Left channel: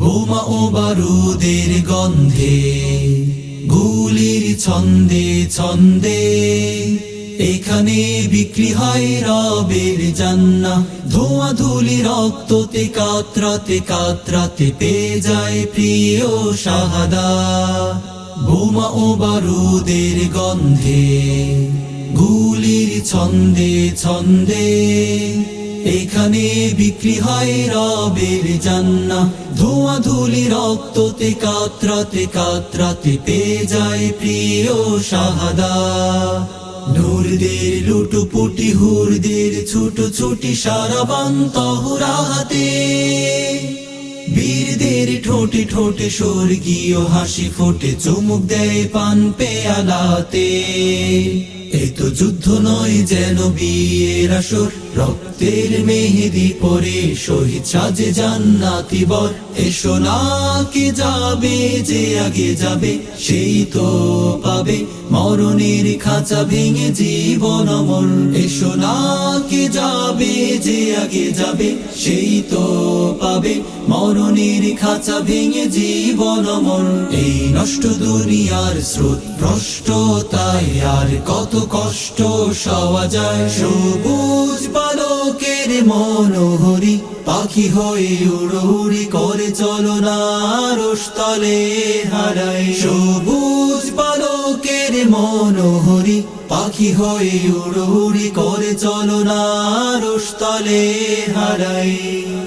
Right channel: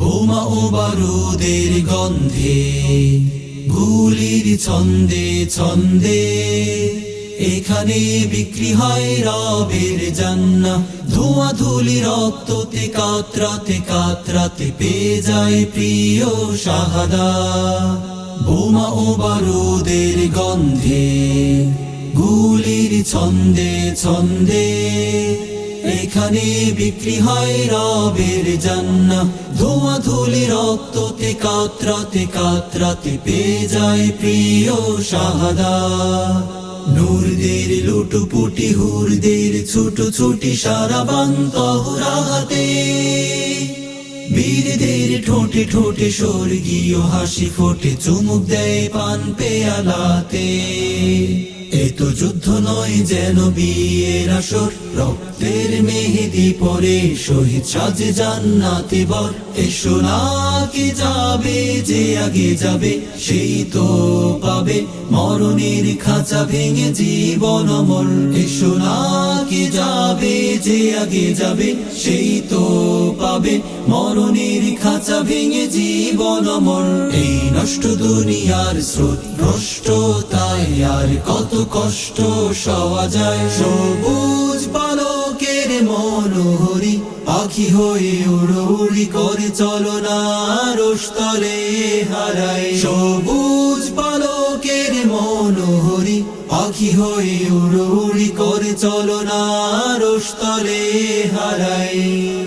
বোমা ও বারুদের গন্ধে গুলির ছন্দে ছন্দে এখানে বিক্রি হয় রবের জান্না ধোঁয়া ধুলি রক্ততে কাতরাতে কাতরাতে পেয়ে যায় প্রিয় শাহাদা বোমা ও বারুদের গন্ধে গুলির ছন্দে ছন্দে এখানে বিক্রি হয় রবের জান্না ধোঁয়া ধুলি রক্ততে কাতরাতে কাতরাতে পেয়ে যায় প্রিয় শাহাদা নূরদের লুটুপুটি হুরদের ছোট ছুটি সারা হাতে বীরদের ঠোঁটে ঠোঁটে স্বর্গীয় হাসি ফোটে চুমুক দেয় পান পেয়ালাতে যুদ্ধ নয় যেন বিয়ের আসর রক্তের মেহেদি পরে শহীদ সাজে জান্নাতি বর এসো যাবে যে আগে যাবে সেই তো পাবে মরণের খাঁচা ভেঙে জীবন এসো যাবে যে আগে যাবে সেই তো পাবে মরণের খাঁচা ভেঙে জীবন এই নষ্ট দুনিয়ার স্রোত তাই আর কত কষ্ট সওয়া যায় সবুজ পালকের মনোহরি পাখি হয়ে উড়ি করে চলো না হারাই সবুজ পালকের মনোহরি পাখি হয়ে উড়ি করে চলো না রোস্তলে হারাই